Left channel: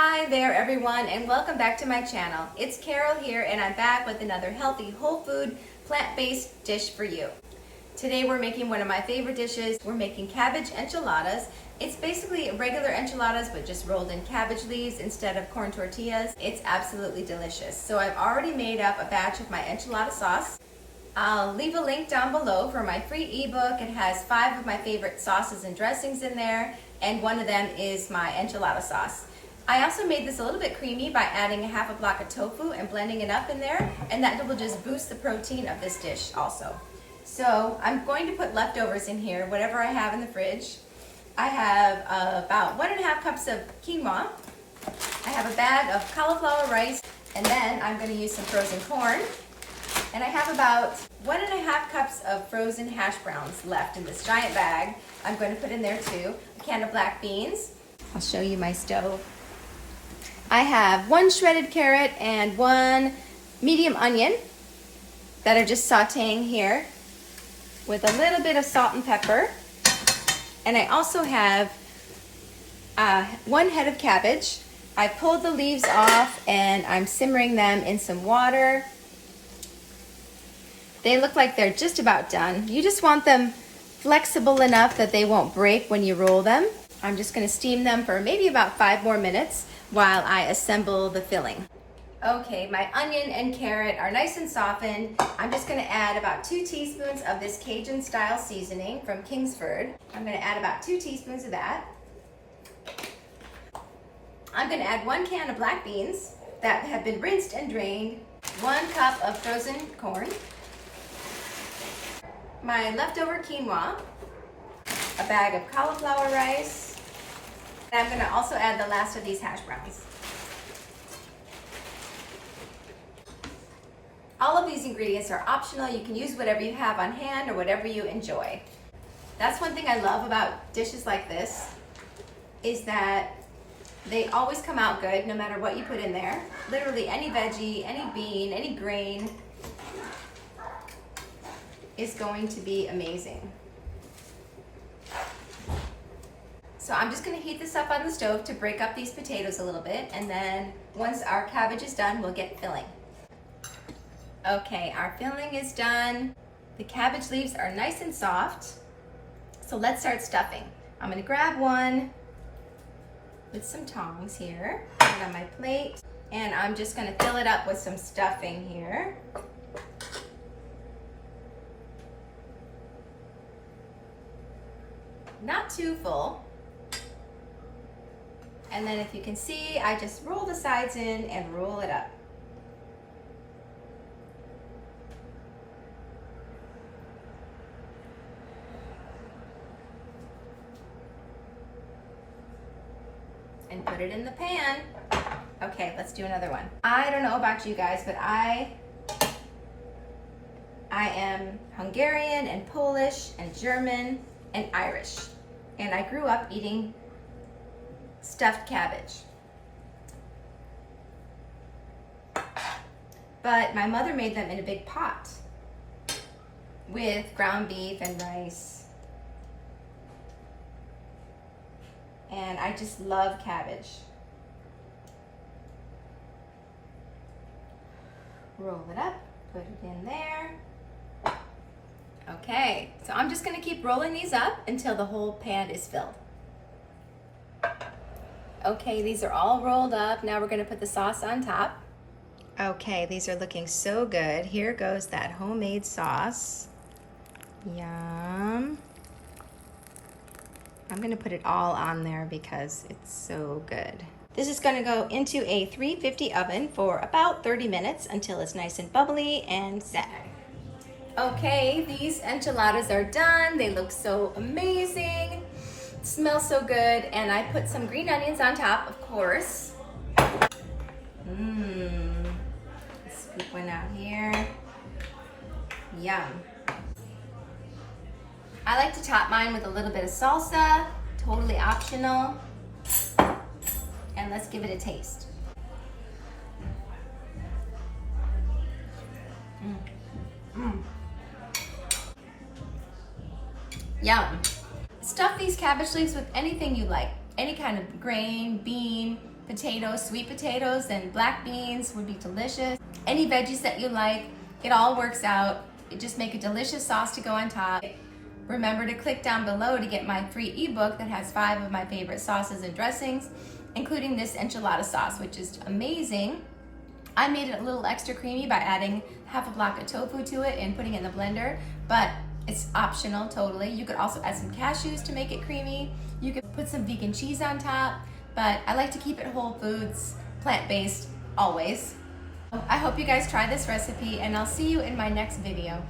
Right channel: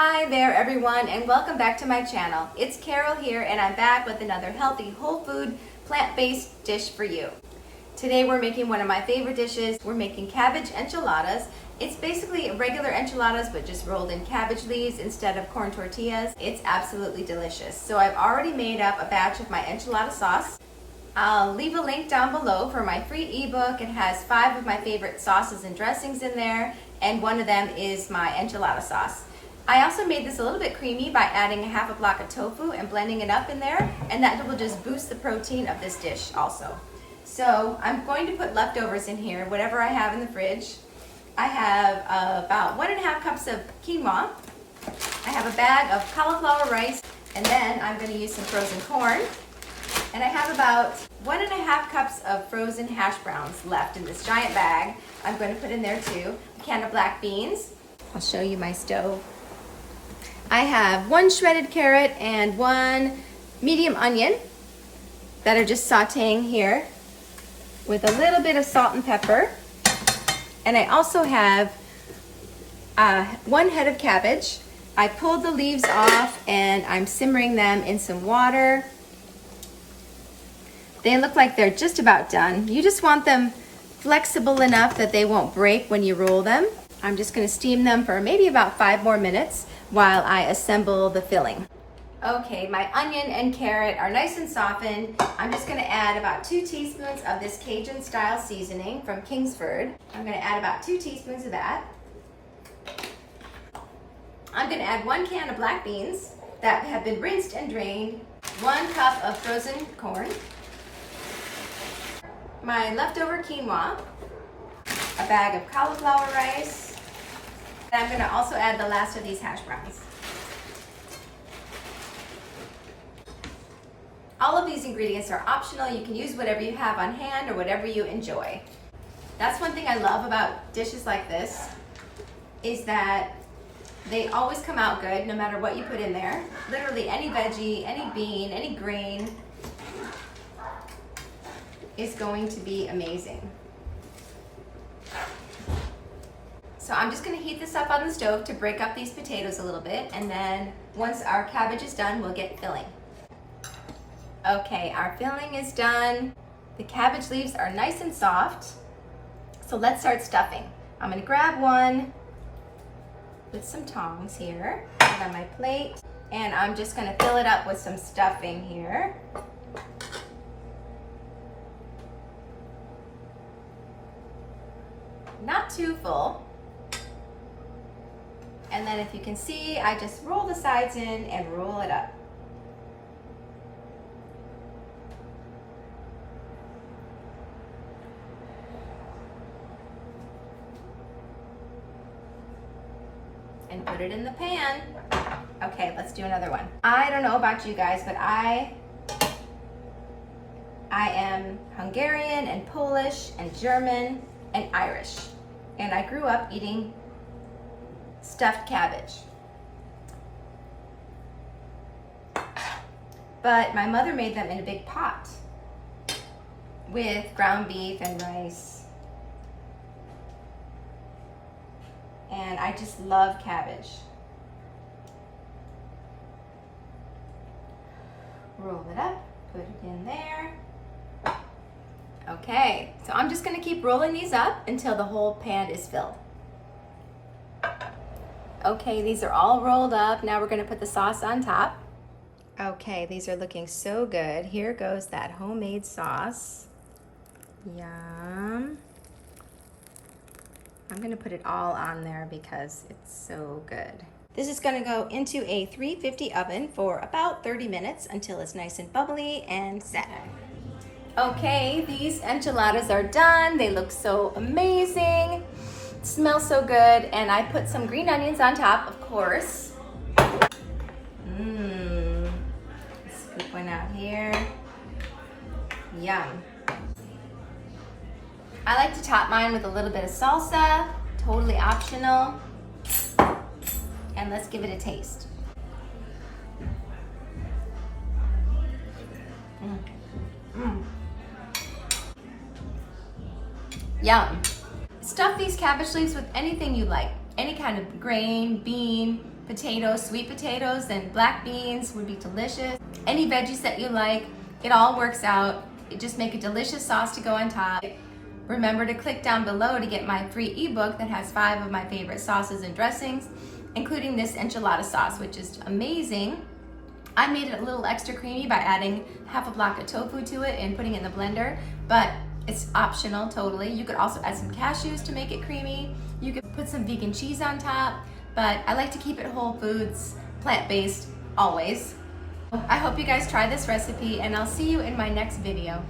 Hi there everyone, and welcome back to my channel. It's Carol here, and I'm back with another healthy, whole food, plant-based dish for you. Today we're making one of my favorite dishes. We're making cabbage enchiladas. It's basically regular enchiladas but just rolled in cabbage leaves instead of corn tortillas. It's absolutely delicious. So I've already made up a batch of my enchilada sauce. I'll leave a link down below for my free ebook. It has 5 of my favorite sauces and dressings in there, and one of them is my enchilada sauce. I also made this a little bit creamy by adding a half a block of tofu and blending it up in there, and that will just boost the protein of this dish also. So I'm going to put leftovers in here, whatever I have in the fridge. I have about 1.5 cups of quinoa. I have a bag of cauliflower rice, and then I'm going to use some frozen corn. And I have about 1.5 cups of frozen hash browns left in this giant bag. I'm going to put in there too a can of black beans. I'll show you my stove. I have 1 shredded carrot and 1 medium onion that are just sauteing here with a little bit of salt and pepper. And I also have 1 head of cabbage. I pulled the leaves off and I'm simmering them in some water. They look like they're just about done. You just want them flexible enough that they won't break when you roll them. I'm just going to steam them for maybe about 5 more minutes while I assemble the filling. Okay, my onion and carrot are nice and softened. I'm just going to add about 2 teaspoons of this Cajun style seasoning from Kingsford. I'm going to add about 2 teaspoons of that. I'm going to add 1 can of black beans that have been rinsed and drained, 1 cup of frozen corn, my leftover quinoa, a bag of cauliflower rice, and I'm going to also add the last of these hash browns. All of these ingredients are optional. You can use whatever you have on hand or whatever you enjoy. That's one thing I love about dishes like this, is that they always come out good no matter what you put in there. Literally any veggie, any bean, any grain is going to be amazing. So I'm just going to heat this up on the stove to break up these potatoes a little bit, and then once our cabbage is done, we'll get filling. Okay, our filling is done. The cabbage leaves are nice and soft, so let's start stuffing. I'm going to grab one with some tongs here, put it on my plate, and I'm just going to fill it up with some stuffing here. Not too full. And then if you can see, I just roll the sides in and roll it up. And put it in the pan. Okay, let's do another one. I don't know about you guys, but I am Hungarian and Polish and German and Irish. And I grew up eating stuffed cabbage. But my mother made them in a big pot with ground beef and rice. And I just love cabbage. Roll it up, put it in there. Okay, so I'm just gonna keep rolling these up until the whole pan is filled. Okay, these are all rolled up. Now we're gonna put the sauce on top. Okay, these are looking so good. Here goes that homemade sauce. Yum. I'm gonna put it all on there because it's so good. This is gonna go into a 350 oven for about 30 minutes until it's nice and bubbly and set. Okay, these enchiladas are done. They look so amazing. Smells so good, and I put some green onions on top, of course. Scoop one out here. Yum. I like to top mine with a little bit of salsa, totally optional. And let's give it a taste. Yum. Stuff these cabbage leaves with anything you like. Any kind of grain, bean, potatoes, sweet potatoes, and black beans would be delicious. Any veggies that you like, it all works out. Just make a delicious sauce to go on top. Remember to click down below to get my free ebook that has 5 of my favorite sauces and dressings, including this enchilada sauce, which is amazing. I made it a little extra creamy by adding half a block of tofu to it and putting it in the blender, but it's optional totally. You could also add some cashews to make it creamy. You could put some vegan cheese on top, but I like to keep it whole foods, plant-based, always. I hope you guys try this recipe, and I'll see you in my next video.